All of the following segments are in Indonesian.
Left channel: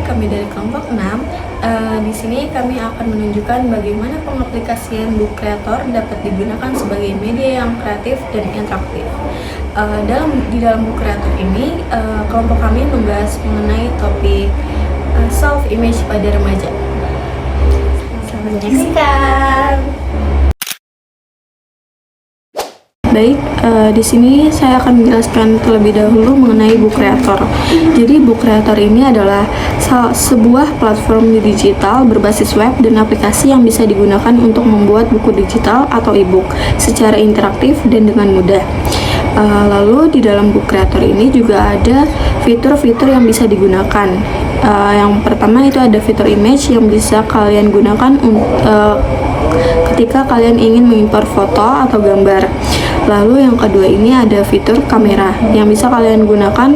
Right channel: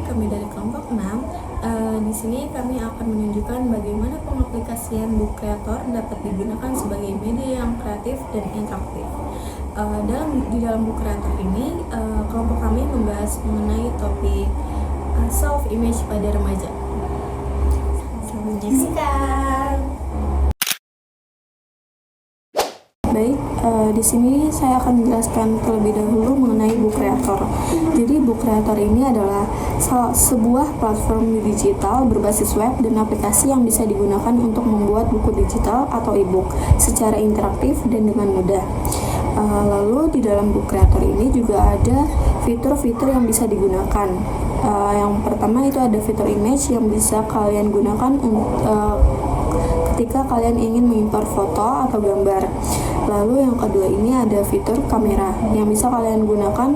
kami dari kelompok 6. Di sini kami akan menunjukkan bagaimana pengaplikasian book creator dapat digunakan sebagai media yang kreatif dan interaktif. Di dalam book creator ini, kelompok kami membahas mengenai topik self image pada remaja. Selamat menyaksikan. Baik, di sini saya akan menjelaskan terlebih dahulu mengenai book creator. Jadi book creator ini adalah sebuah platform digital berbasis web dan aplikasi yang bisa digunakan untuk membuat buku digital atau e-book secara interaktif dan dengan mudah. Lalu di dalam book creator ini juga ada fitur-fitur yang bisa digunakan. Yang pertama itu ada fitur image yang bisa kalian gunakan ketika kalian ingin mengimpor foto atau gambar. Lalu yang kedua ini ada fitur kamera yang bisa kalian gunakan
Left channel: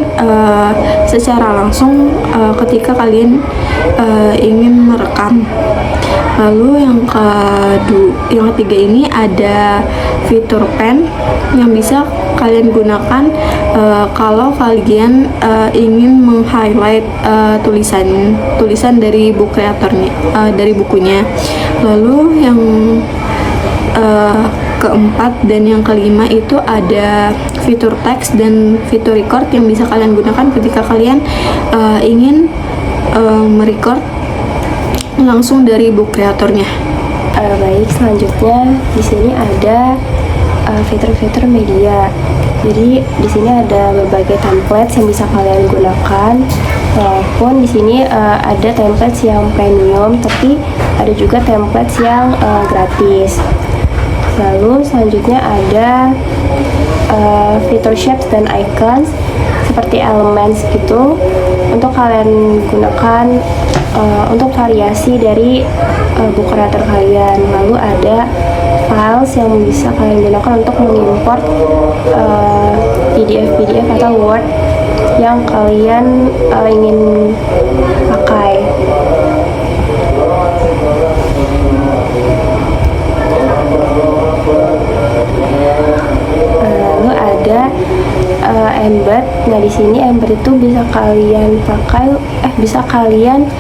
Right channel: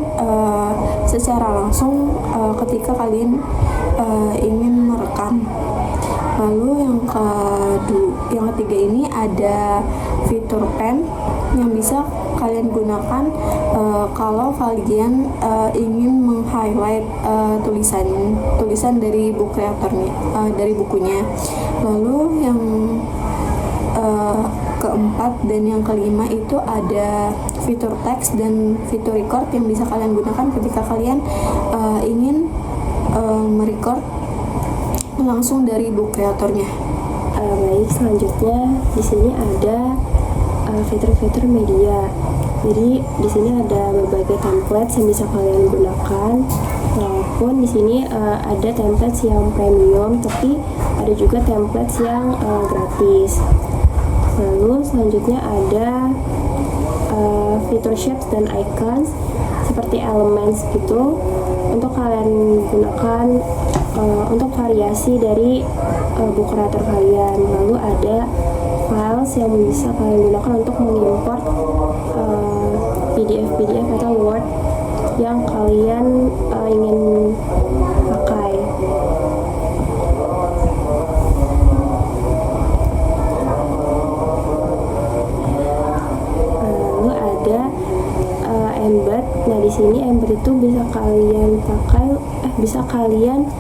secara langsung ketika kalian ingin merekam. Lalu yang ketiga ini ada fitur pen yang bisa kalian gunakan kalau kalian ingin meng-highlight tulisan dari book creatornya, dari bukunya. Lalu yang keempat dan yang kelima itu ada fitur teks dan fitur record yang bisa kalian gunakan ketika kalian ingin merecord langsung dari book kreatornya. Baik, selanjutnya di sini ada fitur-fitur media. Jadi di sini ada berbagai template yang bisa kalian gunakan. Walaupun di sini ada template yang premium, tapi ada juga template yang gratis. Lalu selanjutnya ada fitur shapes dan icons seperti elements gitu untuk kalian gunakan untuk variasi dari book creator kalian. Lalu ada files yang bisa kalian gunakan untuk mengimport PDF atau Word yang kalian ingin pakai. Lalu ada embed. Nah, di sini embed itu bisa kalian pakai, bisa kalian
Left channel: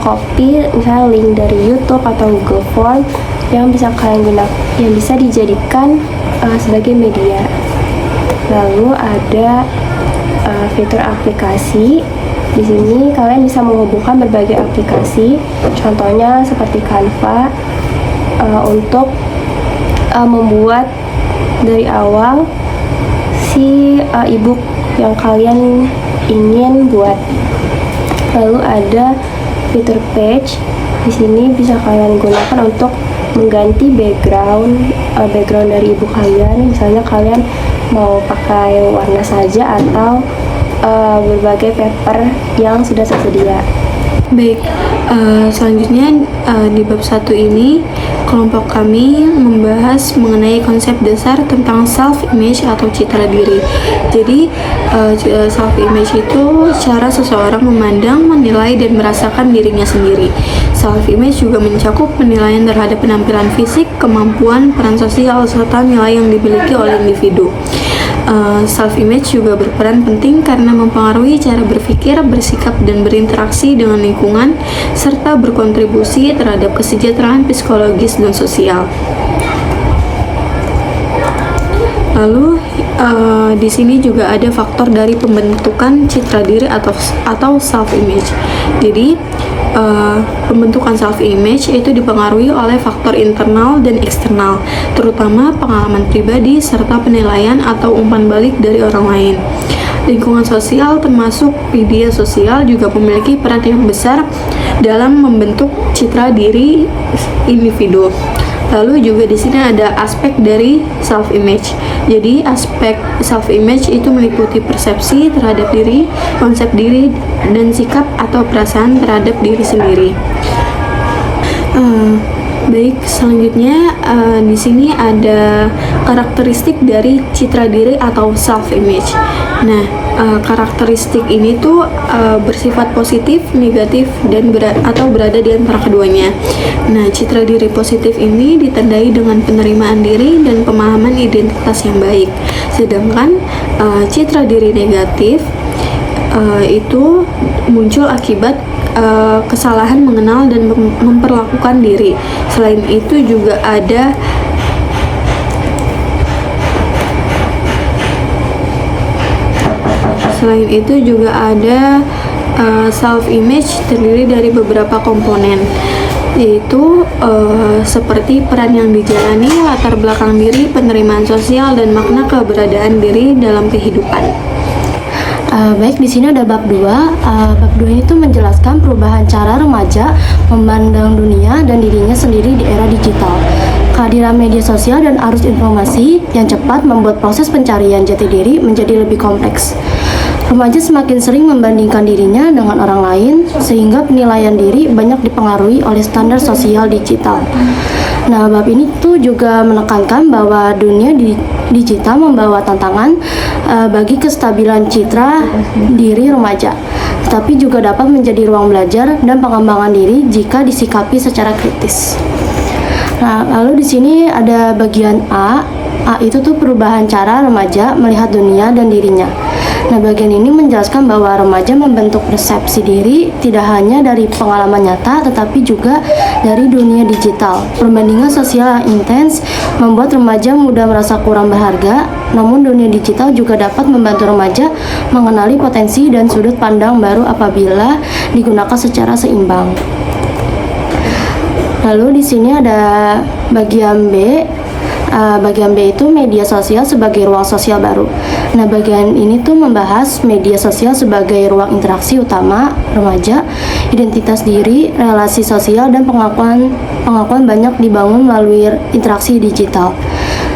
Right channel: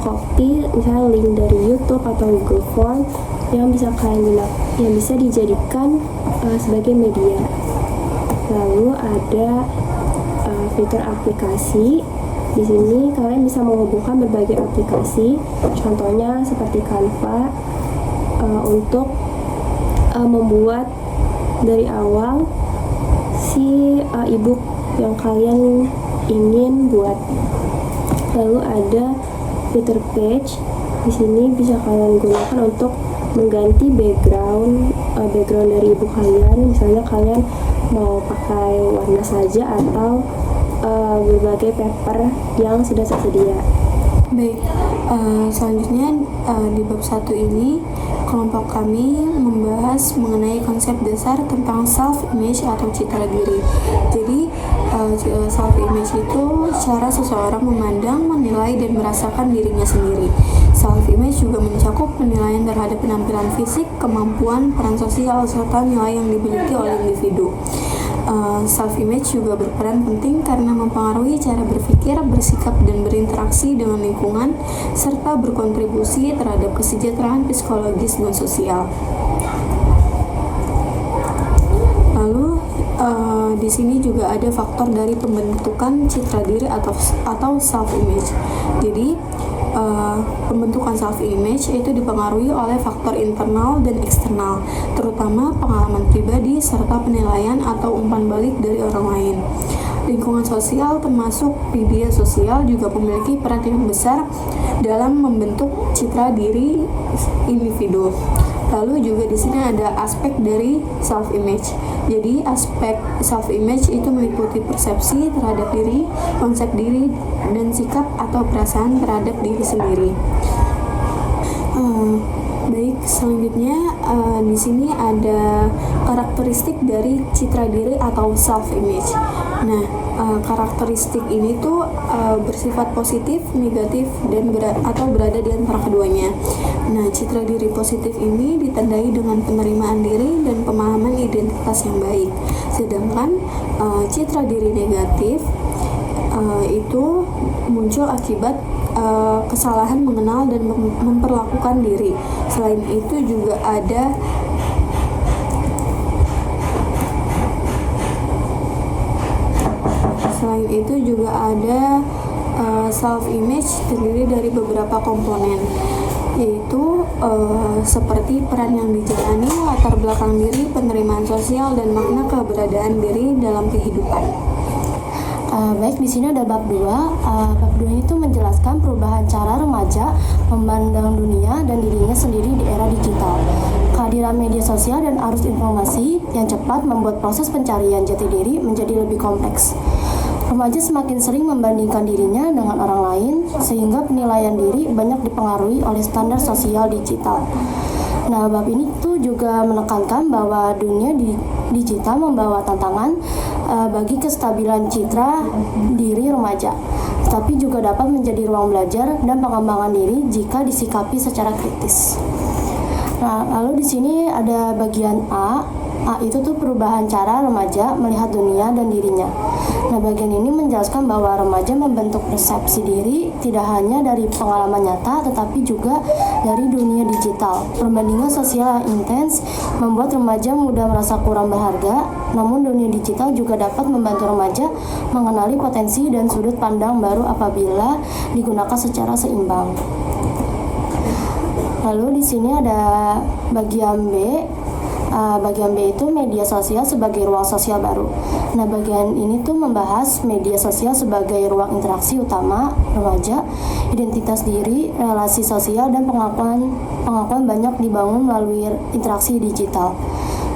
copy misalnya link dari YouTube atau Google Form yang bisa kalian gunakan, yang bisa dijadikan sebagai media. Lalu ada fitur aplikasi. Di sini kalian bisa menghubungkan berbagai aplikasi, contohnya seperti Canva, untuk membuat dari awal si e-book yang kalian ingin buat. Lalu ada fitur page. Di sini bisa kalian gunakan untuk mengganti background dari e-book kalian. Misalnya kalian mau pakai warna saja atau berbagai paper yang sudah tersedia. Baik, selanjutnya di bab 1 ini kelompok kami membahas mengenai konsep dasar tentang self-image atau citra diri. Jadi self-image itu cara seseorang memandang, menilai, dan merasakan dirinya sendiri. Self-image juga mencakup penilaian terhadap penampilan fisik, kemampuan, peran sosial, serta nilai yang dimiliki oleh individu. Self-image juga berperan penting karena mempengaruhi cara berpikir, bersikap, dan berinteraksi dengan lingkungan, serta berkontribusi terhadap kesejahteraan psikologis dan sosial. Lalu di sini juga ada faktor dari pembentukan citra diri atau self-image. Jadi pembentukan self-image itu dipengaruhi oleh faktor internal dan eksternal, terutama pengalaman pribadi serta penilaian atau umpan balik dari orang lain. Lingkungan sosial termasuk media sosial juga memiliki peran yang besar dalam membentuk citra diri individu. Lalu juga di sini ada aspek dari self-image. Jadi aspek self-image itu meliputi persepsi terhadap diri, konsep diri, dan sikap atau perasaan terhadap diri sendiri. Baik, selanjutnya di sini ada karakteristik dari citra diri atau self-image. Nah, karakteristik ini tuh bersifat positif, negatif, dan berada di antara keduanya. Nah, citra diri positif ini ditandai dengan penerimaan diri dan pemahaman identitas yang baik. Sedangkan citra diri negatif itu muncul akibat kesalahan mengenal dan memperlakukan diri. Selain itu juga ada self image terdiri dari beberapa komponen, yaitu seperti peran yang dijalani, latar belakang diri, penerimaan sosial, dan makna keberadaan diri dalam kehidupan. Baik, di sini ada bab 2. Bab 2 ini tuh menjelaskan perubahan cara remaja memandang dunia dan dirinya sendiri di era digital. Kehadiran media sosial dan arus informasi yang cepat membuat proses pencarian jati diri menjadi lebih kompleks. Remaja semakin sering membandingkan dirinya dengan orang lain, sehingga penilaian diri banyak dipengaruhi oleh standar sosial digital. Nah, bab ini tuh juga menekankan bahwa dunia digital membawa tantangan bagi kestabilan citra diri remaja, tetapi juga dapat menjadi ruang belajar dan pengembangan diri jika disikapi secara kritis. Nah, lalu di sini ada bagian A. A itu tuh perubahan cara remaja melihat dunia dan dirinya. Nah, bagian ini menjelaskan bahwa remaja membentuk persepsi diri tidak hanya dari pengalaman nyata, tetapi juga dari dunia digital. Perbandingan sosial yang intens membuat remaja mudah merasa kurang berharga, namun dunia digital juga dapat membantu remaja mengenali potensi dan sudut pandang baru apabila digunakan secara seimbang. Lalu di sini ada bagian B. Bagian B itu media sosial sebagai ruang sosial baru. Nah, bagian ini tuh membahas media sosial sebagai ruang interaksi utama remaja, identitas diri, relasi sosial, dan pengakuan banyak dibangun melalui interaksi digital.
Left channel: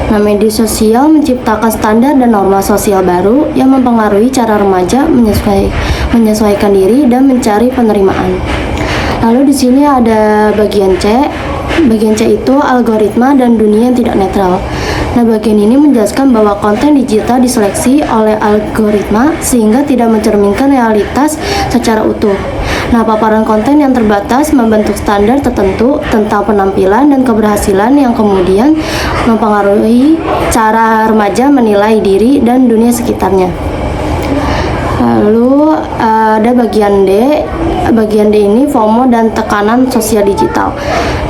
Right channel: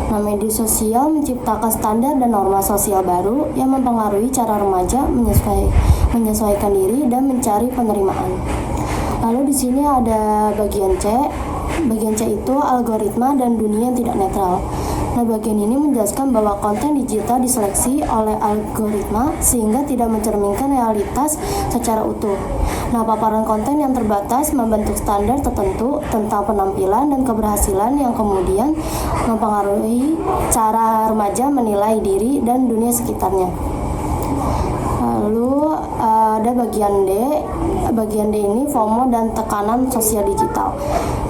Nah, media sosial menciptakan standar dan norma sosial baru yang mempengaruhi cara remaja menyesuaikan diri dan mencari penerimaan. Lalu di sini ada bagian C. Bagian C itu algoritma dan dunia yang tidak netral. Nah, bagian ini menjelaskan bahwa konten digital diseleksi oleh algoritma sehingga tidak mencerminkan realitas secara utuh. Nah, paparan konten yang terbatas membentuk standar tertentu tentang penampilan dan keberhasilan yang kemudian mempengaruhi cara remaja menilai diri dan dunia sekitarnya. Lalu ada bagian D. Bagian D ini FOMO dan tekanan sosial digital.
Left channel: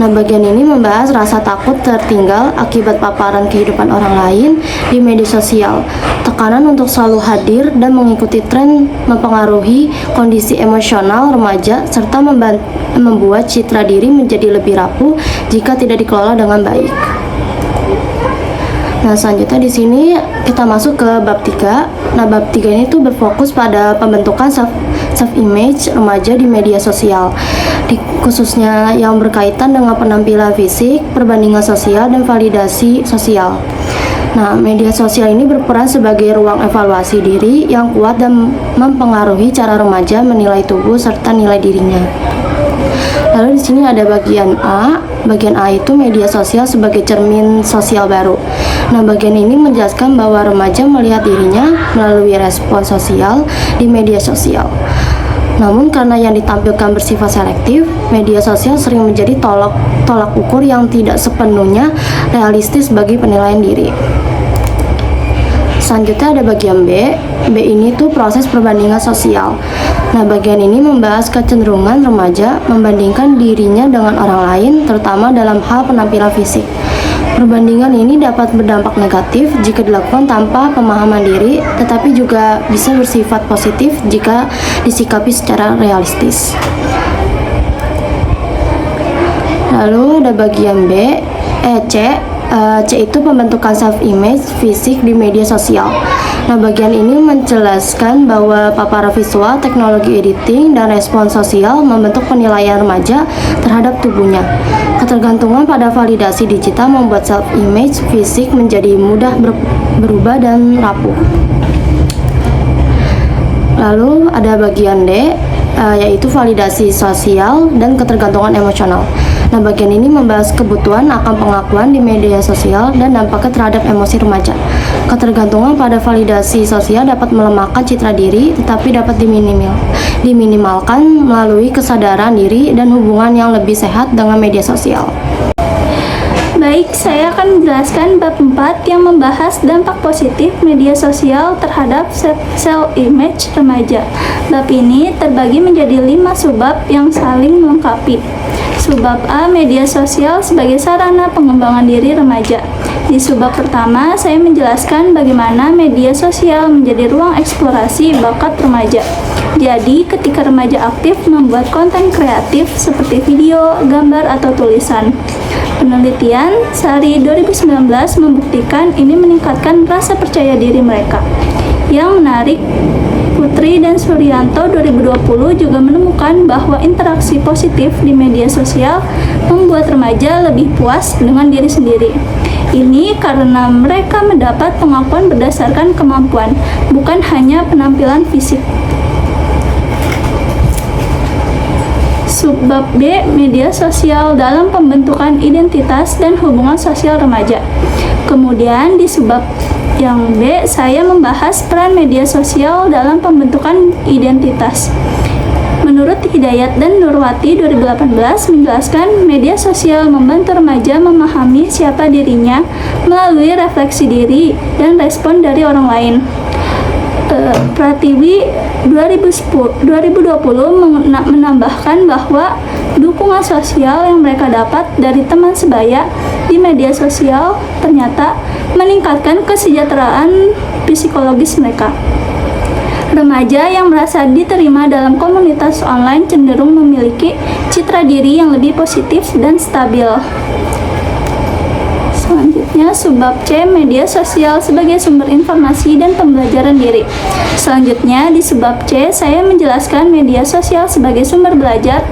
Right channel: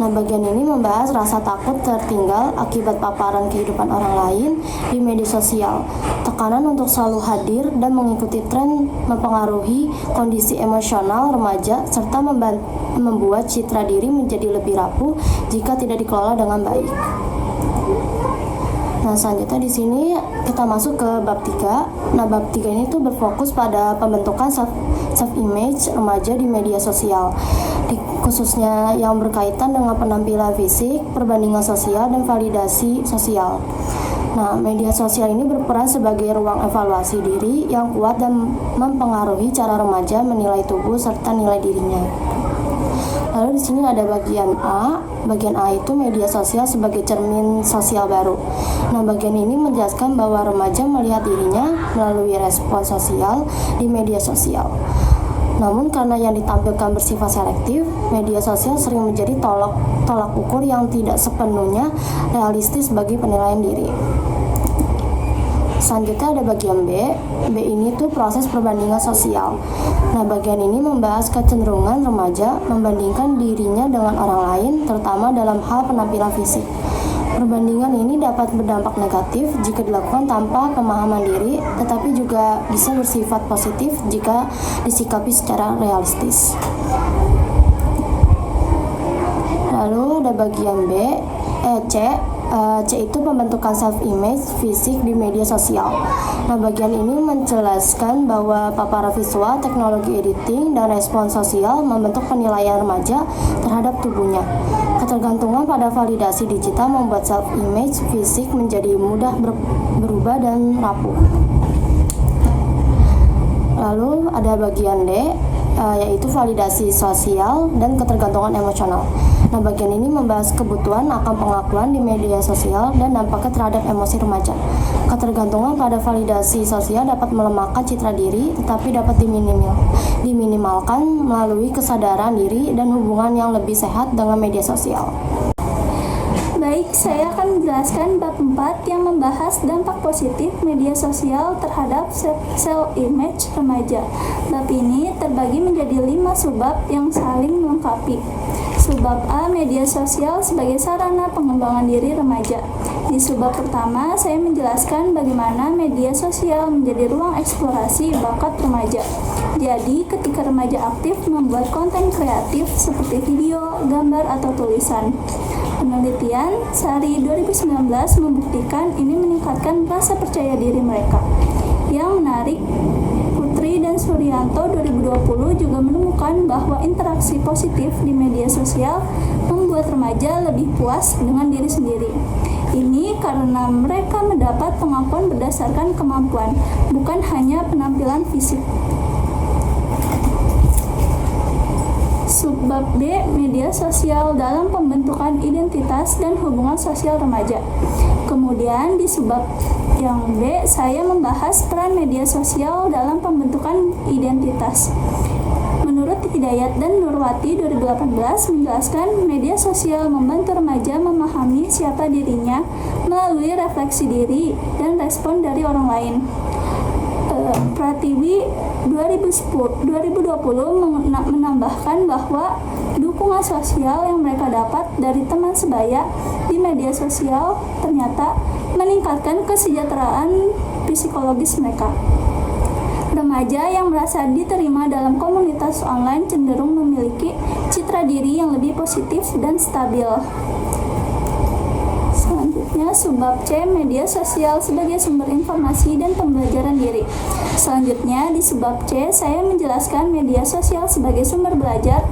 Nah, bagian ini membahas rasa takut tertinggal akibat paparan kehidupan orang lain di media sosial. Tekanan untuk selalu hadir dan mengikuti tren mempengaruhi kondisi emosional remaja serta membuat citra diri menjadi lebih rapuh jika tidak dikelola dengan baik. Nah, selanjutnya di sini kita masuk ke bab 3. Nah, bab 3 ini tuh berfokus pada pembentukan self-image remaja di media sosial, khususnya yang berkaitan dengan penampilan fisik, perbandingan sosial, dan validasi sosial. Nah, media sosial ini berperan sebagai ruang evaluasi diri yang kuat dan mempengaruhi cara remaja menilai tubuh serta nilai dirinya. Lalu di sini ada bagian A. Bagian A itu media sosial sebagai cermin sosial baru. Nah, bagian ini menjelaskan bahwa remaja melihat dirinya melalui respon sosial di media sosial. Namun karena yang ditampilkan bersifat selektif, media sosial sering menjadi tolak ukur yang tidak sepenuhnya realistis bagi penilaian diri. Selanjutnya ada bagian B. B ini tuh proses perbandingan sosial. Nah, bagian ini membahas kecenderungan remaja membandingkan dirinya dengan orang lain, terutama dalam hal penampilan fisik. Perbandingan ini dapat berdampak negatif jika dilakukan tanpa pemahaman diri, tetapi juga bisa bersifat positif jika disikapi secara realistis. Lalu ada bagian C. C itu pembentukan self-image fisik di media sosial. Nah, bagian ini menjelaskan bahwa paparan visual, teknologi editing, dan respon sosial membentuk penilaian remaja terhadap tubuhnya. Ketergantungan pada validasi digital membuat self-image fisik menjadi mudah berubah dan rapuh. Lalu ada bagian D, yaitu validasi sosial dan ketergantungan emosional. Nah, bagian ini membahas kebutuhan akan pengakuan di media sosial dan dampaknya terhadap emosi remaja. Ketergantungan pada validasi sosial dapat melemahkan citra diri, tetapi dapat diminimalkan melalui kesadaran diri dan hubungan yang lebih sehat dengan media sosial. Baik, saya akan menjelaskan bab 4 yang membahas dampak positif media sosial terhadap self-image remaja. Bab ini terbagi menjadi 5 subbab yang saling melengkapi. Subbab A, media sosial sebagai sarana pengembangan diri remaja. Di subbab pertama, saya menjelaskan bagaimana media sosial menjadi ruang eksplorasi bakat remaja. Jadi, ketika remaja aktif membuat konten kreatif seperti video, gambar, atau tulisan. Penelitian Sari 2019 membuktikan ini meningkatkan rasa percaya diri mereka. Yang menarik, Putri dan Suryanto 2020 juga menemukan bahwa interaksi positif di media sosial membuat remaja lebih puas dengan diri sendiri. Ini karena mereka mendapat pengakuan berdasarkan kemampuan, bukan hanya penampilan fisik. Subbab B, media sosial dalam pembentukan identitas dan hubungan sosial remaja. Kemudian di subbab yang B, saya membahas peran media sosial dalam pembentukan identitas. Menurut Hidayat dan Nurwati 2018 menjelaskan media sosial membantu remaja memahami siapa dirinya melalui refleksi diri dan respon dari orang lain. Pratiwi 2020 menambahkan bahwa dukungan sosial yang mereka dapat dari teman sebaya di media sosial ternyata meningkatkan kesejahteraan psikologis mereka. Remaja yang merasa diterima dalam komunitas online cenderung memiliki citra diri yang lebih positif dan stabil. Selanjutnya, subbab C, media sosial sebagai sumber informasi dan pembelajaran diri. Selanjutnya, di subbab C, saya menjelaskan media sosial sebagai sumber belajar.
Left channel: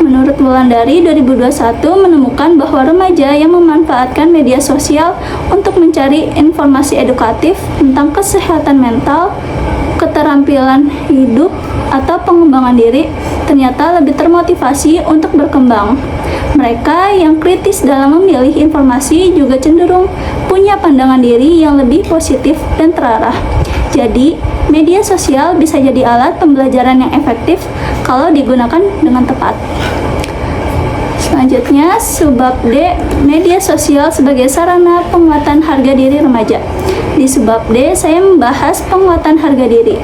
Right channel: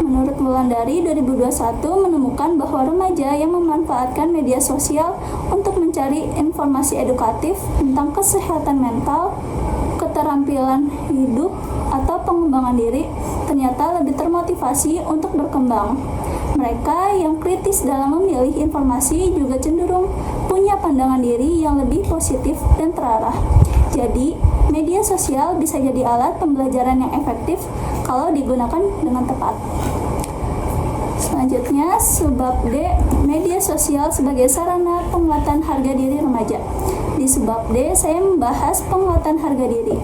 Menurut Wulandari 2021 menemukan bahwa remaja yang memanfaatkan media sosial untuk mencari informasi edukatif tentang kesehatan mental, keterampilan hidup, atau pengembangan diri ternyata lebih termotivasi untuk berkembang. Mereka yang kritis dalam memilih informasi juga cenderung punya pandangan diri yang lebih positif dan terarah. Jadi, media sosial bisa jadi alat pembelajaran yang efektif kalau digunakan dengan tepat. Selanjutnya, subbab D, media sosial sebagai sarana penguatan harga diri remaja. Di subbab D, saya membahas penguatan harga diri.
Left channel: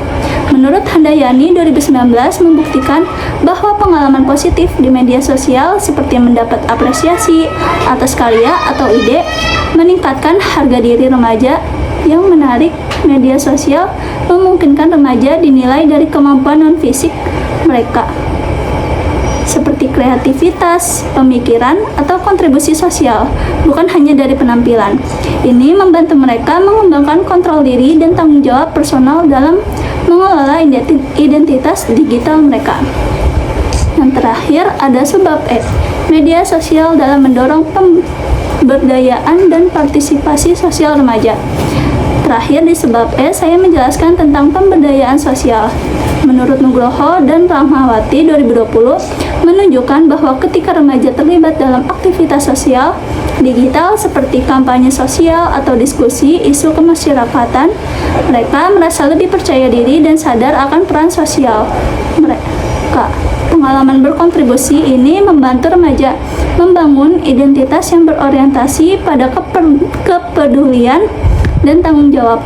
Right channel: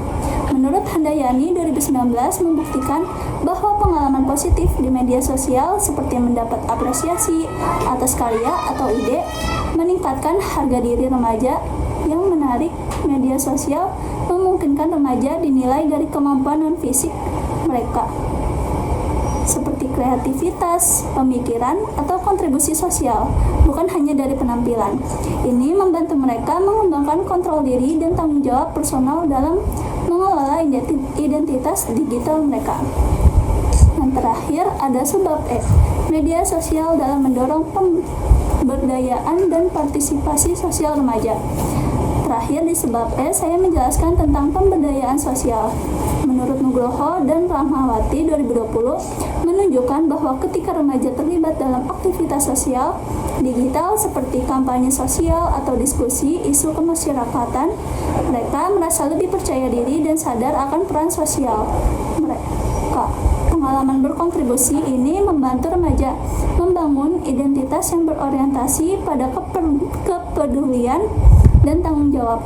Menurut Handayani 2019 membuktikan bahwa pengalaman positif di media sosial seperti mendapat apresiasi atas karya atau ide meningkatkan harga diri remaja. Yang menarik, media sosial memungkinkan remaja dinilai dari kemampuan non-fisik mereka, seperti kreativitas, pemikiran, atau kontribusi sosial, bukan hanya dari penampilan. Ini membantu mereka mengembangkan kontrol diri dan tanggung jawab personal dalam mengelola identitas digital mereka. Yang terakhir ada subbab E, media sosial dalam mendorong pemberdayaan dan partisipasi sosial remaja. Terakhir di subbab E, saya menjelaskan tentang pemberdayaan sosial. Menurut Nugroho dan Rahmawati 2020 menunjukkan bahwa ketika remaja terlibat dalam aktivitas sosial digital seperti kampanye sosial atau diskusi isu kemasyarakatan, mereka merasa lebih percaya diri dan sadar akan peran sosial mereka. Pengalaman berkontribusi ini membantu remaja membangun identitas yang berorientasi pada kepedulian dan tanggung jawab,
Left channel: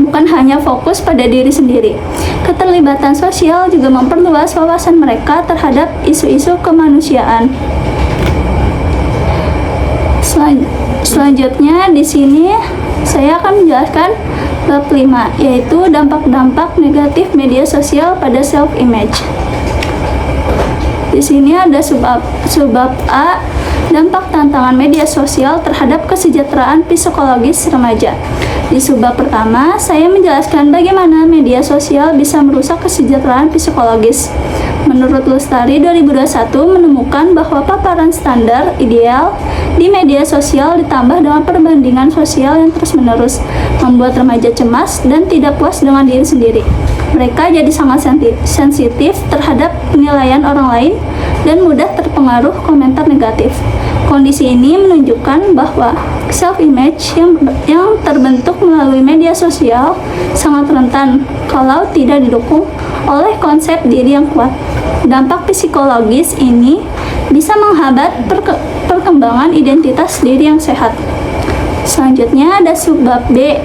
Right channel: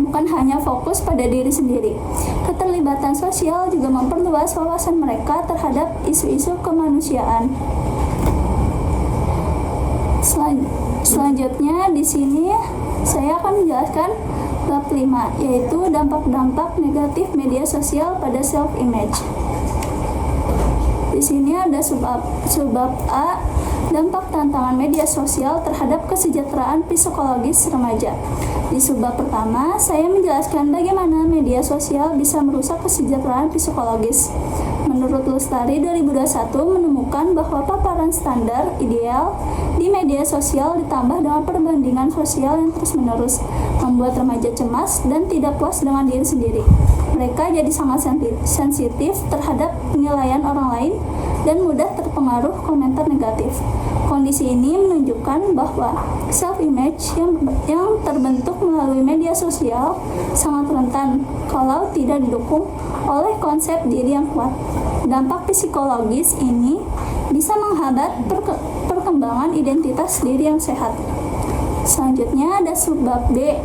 bukan hanya fokus pada diri sendiri. Keterlibatan sosial juga memperluas wawasan mereka terhadap isu-isu kemanusiaan. Selanjutnya di sini saya akan menjelaskan bab 5, yaitu dampak-dampak negatif media sosial pada self-image. Di sini ada subbab A, dampak tantangan media sosial terhadap kesejahteraan psikologis remaja. Di subbab pertama, saya menjelaskan bagaimana media sosial bisa merusak kesejahteraan psikologis. Menurut Lustari 2021 menemukan bahwa paparan standar ideal di media sosial ditambah dengan perbandingan sosial yang terus-menerus membuat remaja cemas dan tidak puas dengan diri sendiri. Mereka jadi sangat sensitif terhadap penilaian orang lain dan mudah terpengaruh komentar negatif. Kondisi ini menunjukkan bahwa self-image yang terbentuk melalui media sosial sangat rentan kalau tidak didukung oleh konsep diri yang kuat. Dampak psikologis ini bisa menghambat perkembangan pengembangan identitas diri yang sehat. Selanjutnya ada subbab D,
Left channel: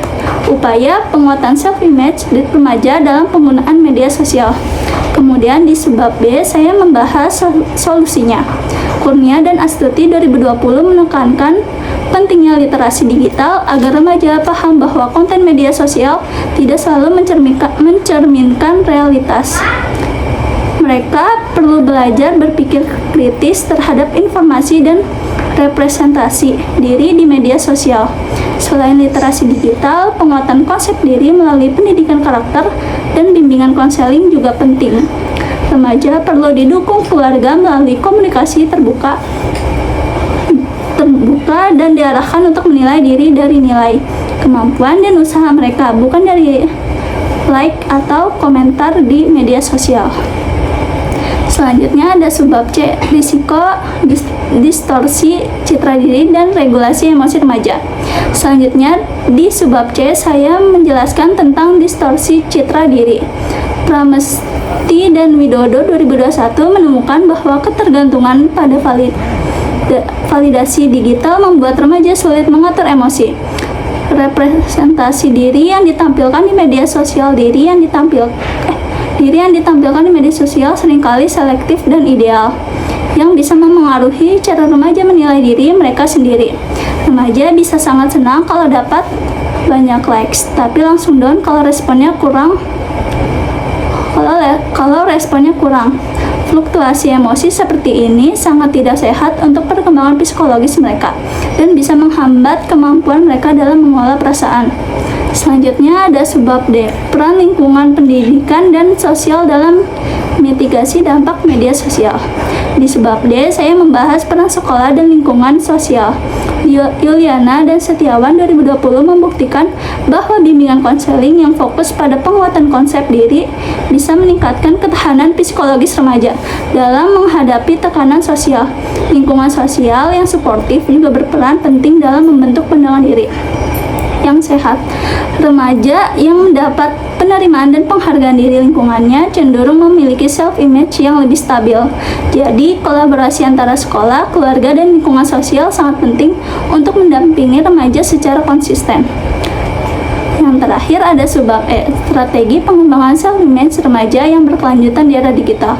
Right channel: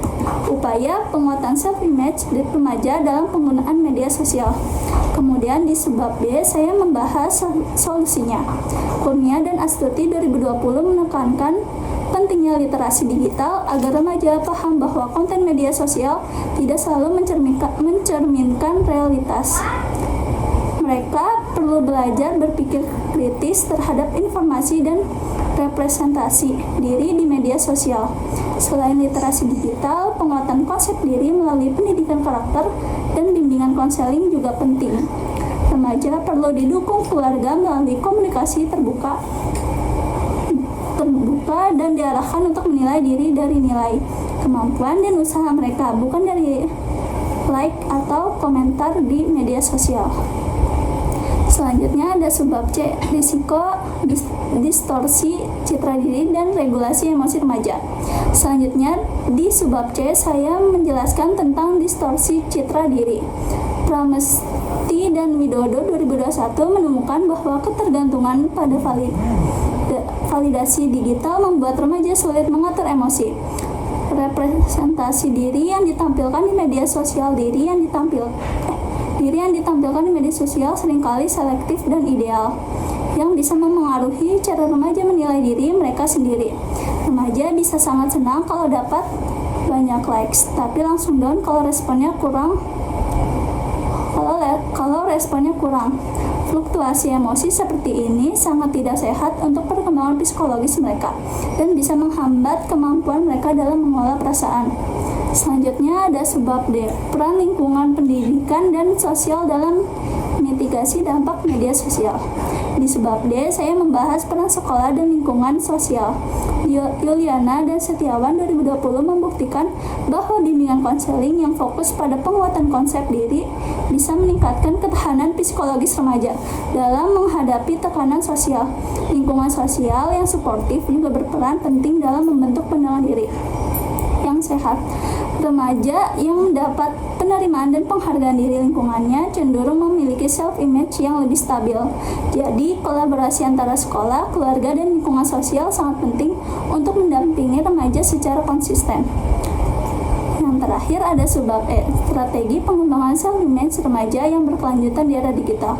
upaya penguatan self-image di remaja dalam penggunaan media sosial. Kemudian di subbab B, saya membahas solusinya. Kurnia dan Astuti 2020 menekankan pentingnya literasi digital agar remaja paham bahwa konten media sosial tidak selalu mencerminkan realitas. Mereka perlu belajar berpikir kritis terhadap informasi dan representasi diri di media sosial. Selain literasi digital, penguatan konsep diri melalui pendidikan karakter dan bimbingan konseling juga penting. Remaja perlu didukung keluarga melalui komunikasi terbuka dan diarahkan untuk menilai diri dari nilai, kemampuan, dan usaha mereka, bukan dari like atau komentar di media sosial. Selanjutnya ada subbab C, risiko distorsi citra diri dan regulasi emosi remaja. Selanjutnya di subbab C saya menjelaskan tentang distorsi citra diri. Pramesti dan Widodo 2021 menemukan bahwa ketergantungan pada validasi digital membuat remaja sulit mengatur emosi. Representasi diri yang ditampilkan di media sosial diri yang ditampilkan di media sosial seringkali selektif dan ideal, yang bisa memengaruhi cara remaja menilai diri mereka sendiri. Remaja bisa sangat senang kalau dapat banyak likes, tapi langsung down kalau responnya kurang. Fluktuasi emosi seperti ini sangat tidak sehat untuk perkembangan psikologis mereka dan bisa menghambat kemampuan mereka dalam mengolah perasaan. Selanjutnya ada subbab D, peran lingkungan pendidikan dan sosial dalam mitigasi dampak media sosial. Di subbab D, saya membahas peran sekolah dan lingkungan sosial. Yuliana dan Setiawan 2020 membuktikan bahwa bimbingan konseling yang fokus pada penguatan konsep diri bisa meningkatkan ketahanan psikologis remaja dalam menghadapi tekanan sosial. Lingkungan sosial yang suportif juga berperan penting dalam membentuk pandangan diri yang sehat. Remaja yang mendapat penerimaan dan penghargaan diri lingkungannya cenderung memiliki self-image yang lebih stabil. Jadi, kolaborasi antara sekolah, keluarga, dan lingkungan sosial sangat penting untuk mendampingi remaja secara konsisten. Yang terakhir ada subbab E, strategi pengembangan self-image remaja yang berkelanjutan di era digital.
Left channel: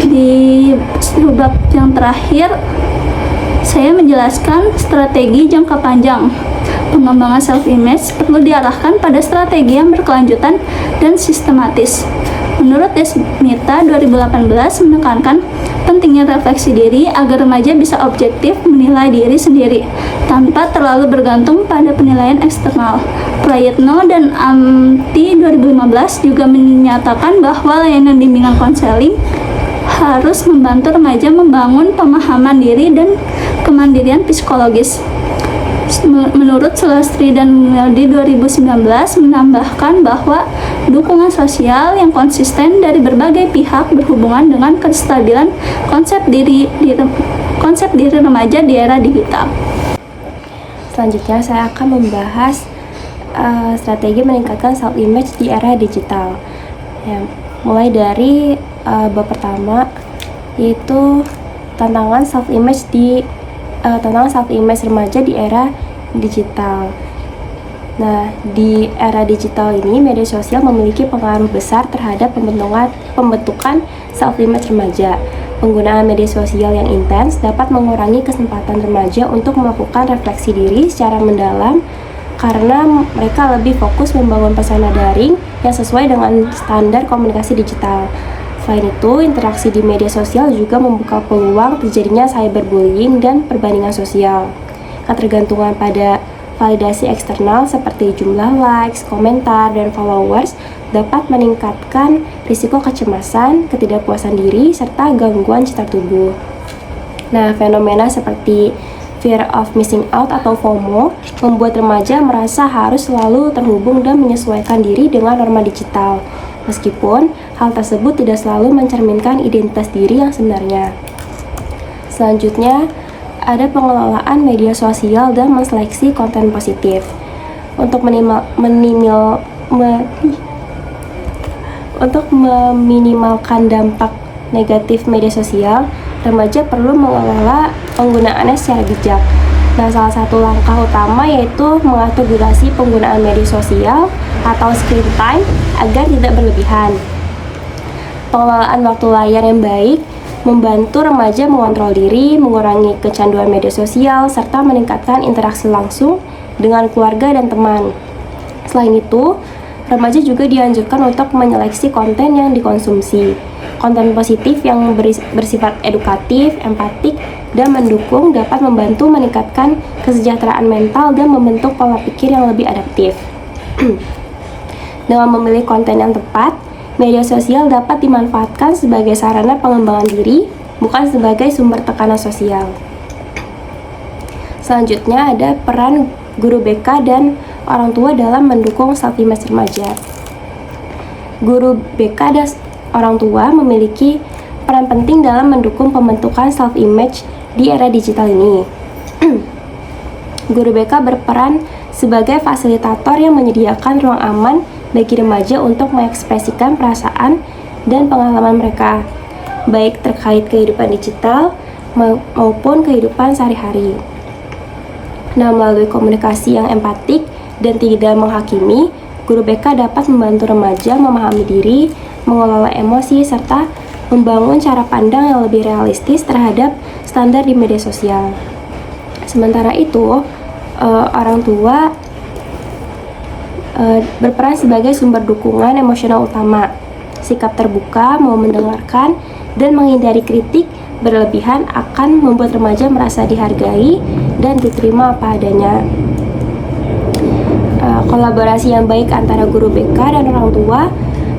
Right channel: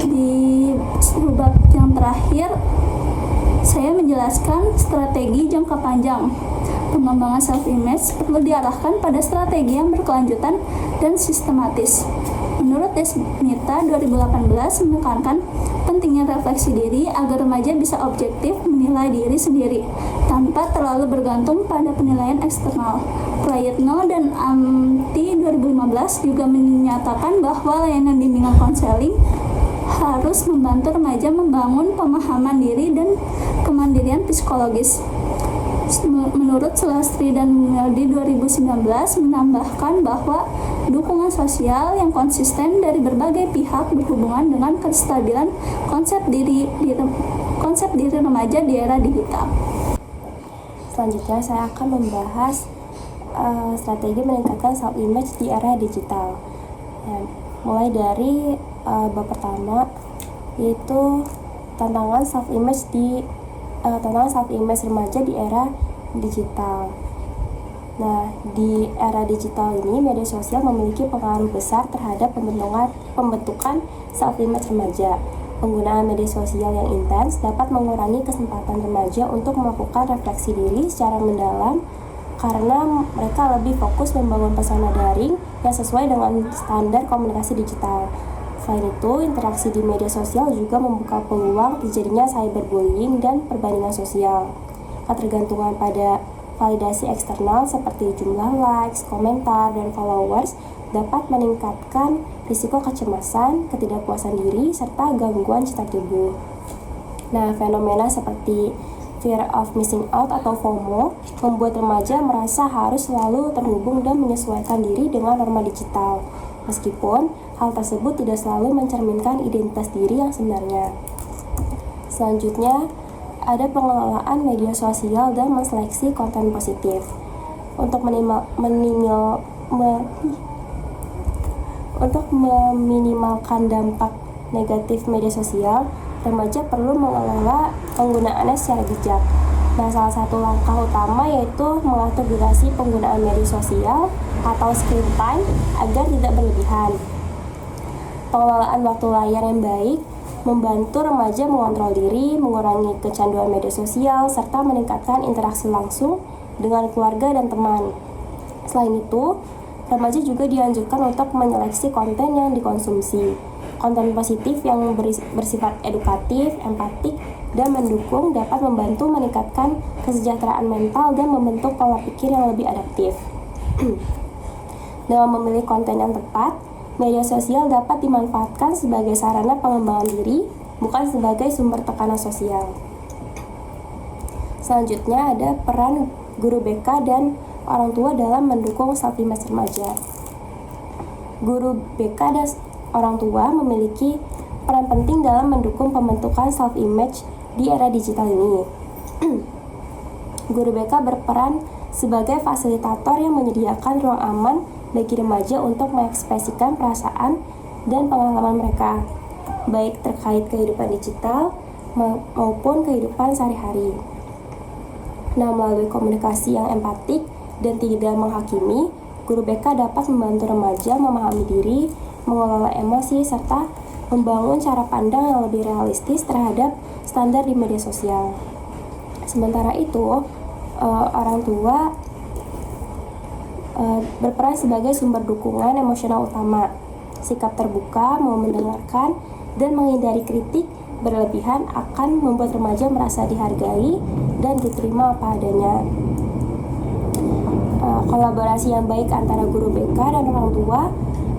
Di subbab yang terakhir, saya menjelaskan strategi jangka panjang. Pengembangan self-image perlu diarahkan pada strategi yang berkelanjutan dan sistematis. Menurut Desmita 2018 menekankan pentingnya refleksi diri agar remaja bisa objektif menilai diri sendiri tanpa terlalu bergantung pada penilaian eksternal. Prayitno dan Amti 2015 juga menyatakan bahwa layanan bimbingan konseling harus membantu remaja membangun pemahaman diri dan kemandirian psikologis. Menurut Sulastri dan Meldi 2019 menambahkan bahwa dukungan sosial yang konsisten dari berbagai pihak berhubungan dengan kestabilan konsep diri remaja di era digital. Selanjutnya saya akan membahas strategi meningkatkan self-image di era digital. Ya, mulai dari bab pertama, yaitu tantangan self-image remaja di era digital. Nah, di era digital ini media sosial memiliki pengaruh besar terhadap pembentukan self-image remaja. Penggunaan media sosial yang intens dapat mengurangi kesempatan remaja untuk melakukan refleksi diri secara mendalam karena mereka lebih fokus membangun persona daring yang sesuai dengan standar komunikasi digital. Selain itu, interaksi di media sosial juga membuka peluang terjadinya cyberbullying dan perbandingan sosial. Ketergantungan pada validasi eksternal seperti jumlah likes, komentar, dan followers dapat meningkatkan risiko kecemasan, ketidakpuasan diri, serta gangguan citra tubuh. Nah, fenomena seperti fear of missing out atau FOMO membuat remaja merasa harus selalu terhubung dan menyesuaikan diri dengan norma digital. Meskipun hal tersebut tidak selalu mencerminkan identitas diri yang sebenarnya. Selanjutnya, ada pengelolaan media sosial dan menseleksi konten positif. Untuk meminimalkan dampak negatif media sosial, remaja perlu mengelola penggunaannya secara bijak. Nah, salah satu langkah utama yaitu mengatur durasi penggunaan media sosial atau screen time agar tidak berlebihan. Pengelolaan waktu layar yang baik membantu remaja mengontrol diri, mengurangi kecanduan media sosial, serta meningkatkan interaksi langsung dengan keluarga dan teman. Selain itu, remaja juga dianjurkan untuk menyeleksi konten yang dikonsumsi. Konten positif yang bersifat edukatif, empatik, dan mendukung dapat membantu meningkatkan kesejahteraan mental dan membentuk pola pikir yang lebih adaptif. Dengan memilih konten yang tepat, media sosial dapat dimanfaatkan sebagai sarana pengembangan diri, bukan sebagai sumber tekanan sosial. Selanjutnya ada peran guru BK dan orang tua dalam mendukung self-image remaja. Guru BK dan orang tua memiliki peran penting dalam mendukung pembentukan self-image di era digital ini. Guru BK berperan sebagai fasilitator yang menyediakan ruang aman bagi remaja untuk mengekspresikan perasaan dan pengalaman mereka, baik terkait kehidupan digital maupun kehidupan sehari-hari. Nah, melalui komunikasi yang empatik dan tidak menghakimi, guru BK dapat membantu remaja memahami diri, mengelola emosi, serta membangun cara pandang yang lebih realistis terhadap standar di media sosial. Sementara itu, orang tua berperan sebagai sumber dukungan emosional utama. Sikap terbuka, mau mendengarkan, dan menghindari kritik berlebihan akan membuat remaja merasa dihargai dan diterima apa adanya. Kolaborasi yang baik antara guru BK dan orang tua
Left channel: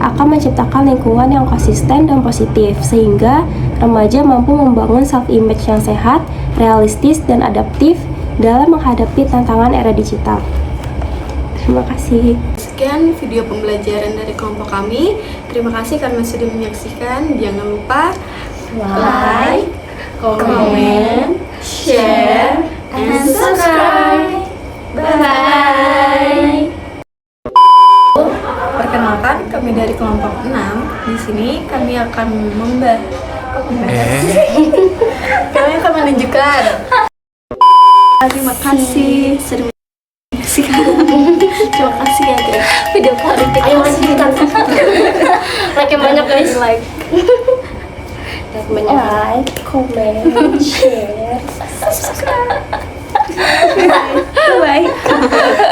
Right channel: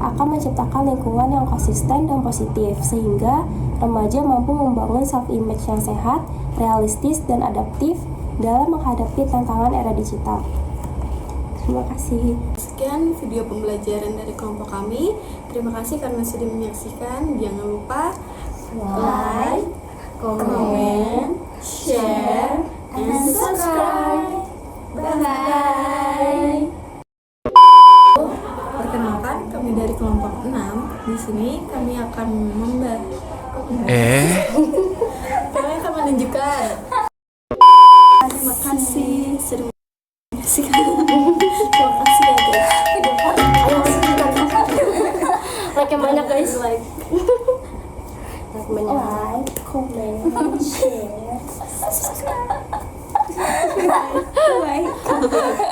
akan menciptakan lingkungan yang konsisten dan positif, sehingga remaja mampu membangun self-image yang sehat, realistis, dan adaptif dalam menghadapi tantangan era digital. Terima kasih. Sekian video pembelajaran dari kelompok kami. Terima kasih karena sudah menyaksikan. Jangan lupa like, comment, share, and subscribe. Bye. Perkenalkan, kami dari kelompok 6. Di sini kami akan kami akan menunjukkan. Terima kasih sudah menyaksikan. Terima kasih ya guys. Video Ayo lanjutkan. Like yang banyak guys. like. Like, comment, share, subscribe. Bye.